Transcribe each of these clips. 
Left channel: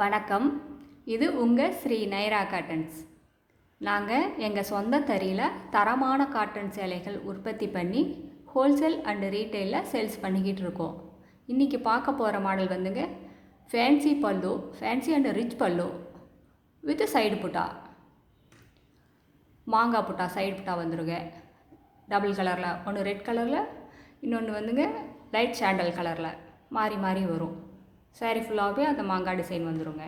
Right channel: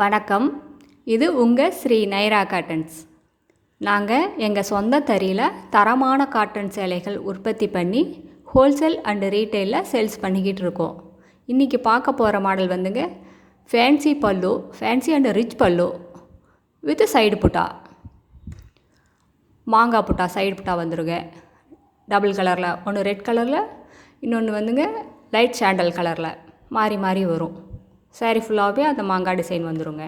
வணக்கம். இது உங்கள் ஸ்ரீ NYRA காட்டன்ஸ். நாங்கள் எங்கள் சொந்த தறியில் தரமான காட்டன் சேலைகள் உற்பத்தி பண்ணி ஹோல்சேல் அண்டு ரீட்டெயிலில் சேல்ஸ் பண்ணிக்கிட்டு இருக்கோம். இன்றைக்கி பார்க்க போகிற மாடல் வந்துங்க ஃபேன்சி பல்லு, ஃபேன்சி அண்டு ரிச் பல்லு வித் சைடு புட்டா, மாங்காய் புட்டா, சைடு புட்டா வந்துருங்க. டபுள் கலரில், ஒன்று ரெட் கலரில், இன்னொன்று வந்துங்க லைட் சாண்டல் கலரில் மாறி மாறி வரும். சாரீ ஃபுல்லாகவே அந்த மாங்காய் டிசைன் வந்துடுங்க.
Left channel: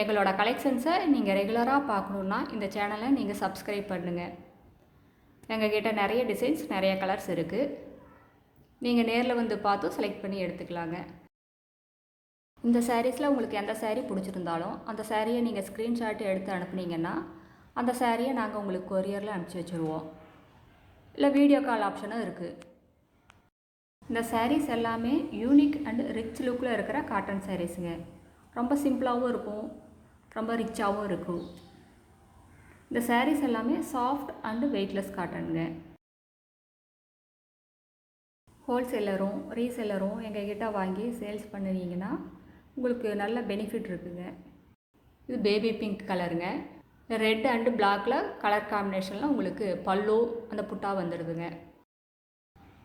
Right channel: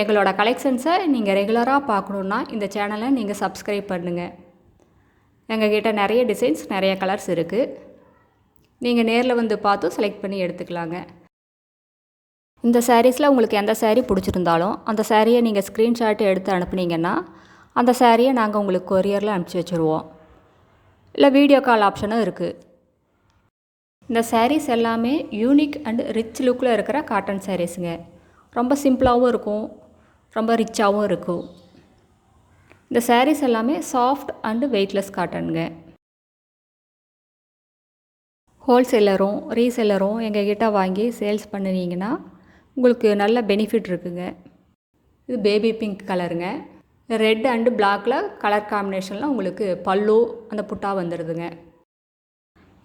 எங்களோட கலெக்ஷன்ஸை நீங்கள் ரெகுலராக பார்க்கணுன்னா இந்த சேனலை நீங்கள் சப்ஸ்கிரைப் பண்ணுங்கள். எங்கள்கிட்ட நிறைய டிசைன்ஸ், நிறைய கலர்ஸ் இருக்குது. நீங்கள் நேரில் வந்து பார்த்து செலக்ட் பண்ணி எடுத்துக்கலாங்க. இந்த சாரீஸில் உங்களுக்கு எந்த சாரீ பிடிச்சிருந்தாலும் அந்த சாரியை நீங்கள் ஸ்க்ரீன்ஷாட் எடுத்து அனுப்புனீங்கன்னா அந்த சாரியை நாங்கள் உங்களுக்கு கொரியரில் அனுப்பிச்சி வச்சுருவோம். இல்லை வீடியோ கால் ஆப்ஷனும் இருக்குது. இந்த சாரீஸ் எல்லாமே யூனிக் அண்ட் ரிச் லுக்கில் இருக்கிற காட்டன் சாரீஸுங்க. ரொம்ப சிம்பிளாகவும் இருக்கும், ரொம்ப ரிச்சாகவும் இருக்கும். இந்த சாரீஸ் எல்லாமே சாஃப்ட் அண்டு வெயிட்லெஸ் காட்டனுங்க. ஹோல்சேலரும் ரீசேலரும் எங்ககிட்ட வாங்கி சேல்ஸ் பண்ணினீங்கன்னா உங்களுக்கு நல்ல பெனிஃபிட் இருக்குங்க. இது பேபி பிங்க் கலருங்க. ரெட் அண்டு பிளாக்கில் கலர் காம்பினேஷனில் உங்களுக்கு பல்லு அந்த புட்டா வந்துடுதுங்க.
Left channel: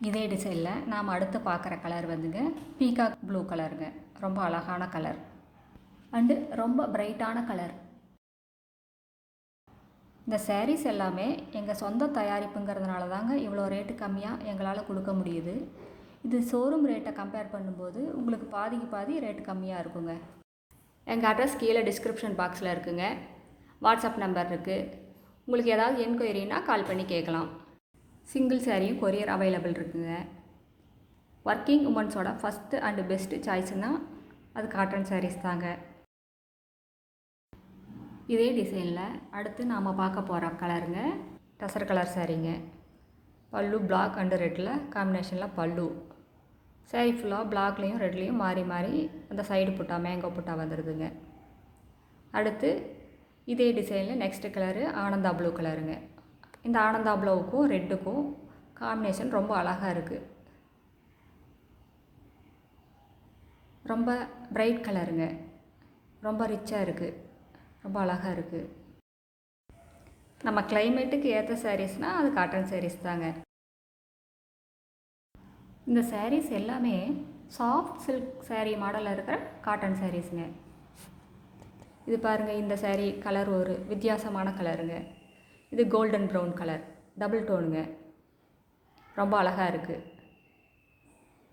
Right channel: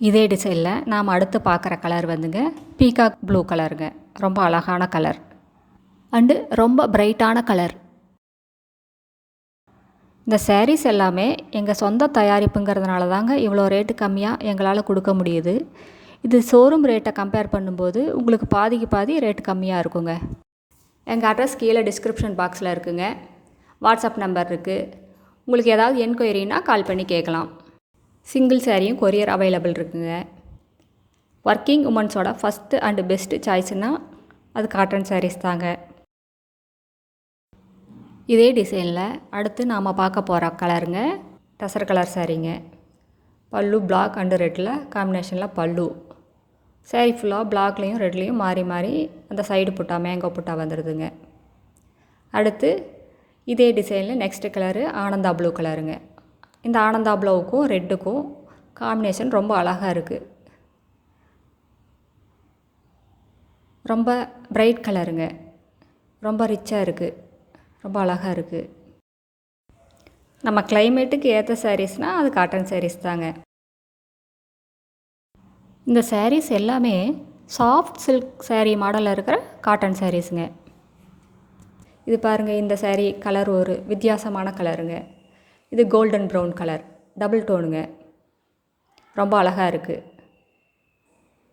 இதே டிசைனில் நாம் அடுத்து பார்க்குற கலர் வந்துங்க பீகாக் ப்ளூ கலருங்க. ரொம்ப அழகான கலர் அண்டு ரொம்ப பிரைட்டான கலர். இந்த சாரீஸ் எல்லாமே எங்கள் சொந்த தயாரிப்புங்கிறதுனால தாங்க இவ்வளோ ரேட்டு கம்மியாக எங்களால் கொடுக்க முடியுது. இது ஷோரூம் ரேட்டை கம்பேர் பண்ணும்போது உங்களுக்கு பாதிக்கு பாதி ரேட்டு கம்மியாக இருக்குங்க. எங்கள் அட்ரஸ் கீழே டிஸ்கிரிப்ஷன் பாக்ஸில் இருக்குங்க. வாட்ஸ்அப் நம்பர் இருக்குது. உங்களுக்கு ஏதாவது என்கொயரினா கால் பண்ணி கேட்கலாம். சிங்கிள் சாரியும் கொரியர் அவைலபிள் இருக்குங்க. ஒர்க்கிங் உமன்ஸோட ஃபஸ்ட்டு அண்டு பெஸ்ட்டு சாய்ஸ்னால் அது காட்டன் சாரீஸ் தாங்க. இதே டிசைனில் அடுத்து நாம் பார்க்க போகிற கலருங்க டசர் கலர் சாரீங்க. பல்லு பிளாக் அண்டு ரெட்டில் காம்பினேஷனில் பல்லு. சாரீ ஃபுல்லாக பிளாக்லேயும் ரெட்லேயும் மாறி மாறி அந்த சைடு புட்டா, மேங்கோ புட்டா வந்துடுதுங்க. அடுத்து இதே டிசைனில் நெக்ஸ்ட்டு கலரு ஆனந்தா ப்ளூ கலருங்க. இந்த ஆனந்தா ப்ளூவுக்கும் ரெட்டுக்கும் காம்பினேஷன் ரொம்ப அழகாக இருக்குது. ரொம்ப பிரைட் கலருங்க. ரொம்ப ரிச்சாக இருக்குது, ரொம்ப அழகாக இருக்குது. நம்ம கிளைமேட்டுக்கு ஏற்ற சாரீஸ்னால் அது காட்டன் சாரீஸ் தாங்க. இந்த சாரீஸ் எல்லாமே சாஃப்ட் சில்க் சாரீ மாடலில் இருக்கிற காட்டன் சாரீஸுங்க. இது பாருங்கள், இந்த சாரீ கலர் ஒரு வித்தியாசமான கலருங்க. இது கோல்டன் ப்ரௌன் கலர், டபுள் டோனுங்க. ரொம்ப அழகாக இருக்குது.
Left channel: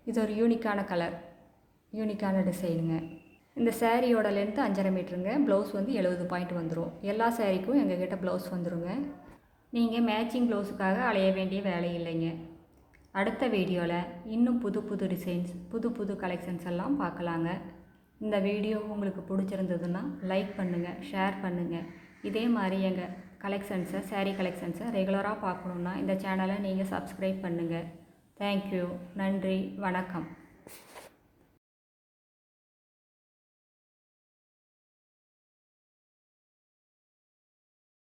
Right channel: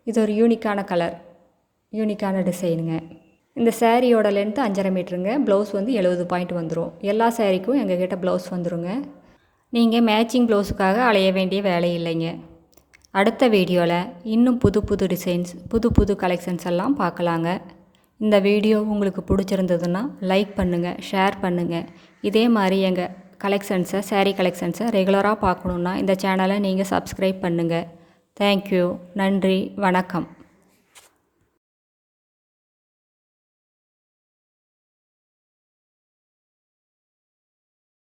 இது ஒரு யூனிக்கான கலர், யூனிக்கான டிசைனுங்க. இந்த சாரியோட லென்த்து 5.5 மீட்டருங்க. ப்ளவுஸ் வந்து 70 பாயிண்ட் வந்துடும். எல்லா சாரீக்கும் எங்ககிட்ட ப்ளவுஸ் வந்துடுங்க. நீங்கள் மேட்சிங் ப்ளவுஸுக்காக அலைய வேண்டிய வேலை இல்லைங்க. அடுத்த வீடியோவில் இன்னும் புது புது டிசைன்ஸ், புது புது கலெக்ஷன்ஸ் எல்லாம் பார்க்கலாங்க. இந்த வீடியோ உங்களுக்கு பிடிச்சிருந்ததுன்னா லைக் பண்ணுங்கள், ஷேர் பண்ணுங்கள். இதே மாதிரி எங்கள் கலெக்ஷன்ஸை, சாரீ கலெக்ஷன்ஸை ரெகுலராக பார்க்கணுன்னா இந்த சேனலை நீங்கள் சப்ஸ்கிரைப் பண்ணுங்கள். தேங்க்யூ. நன்றி, வணக்கம்.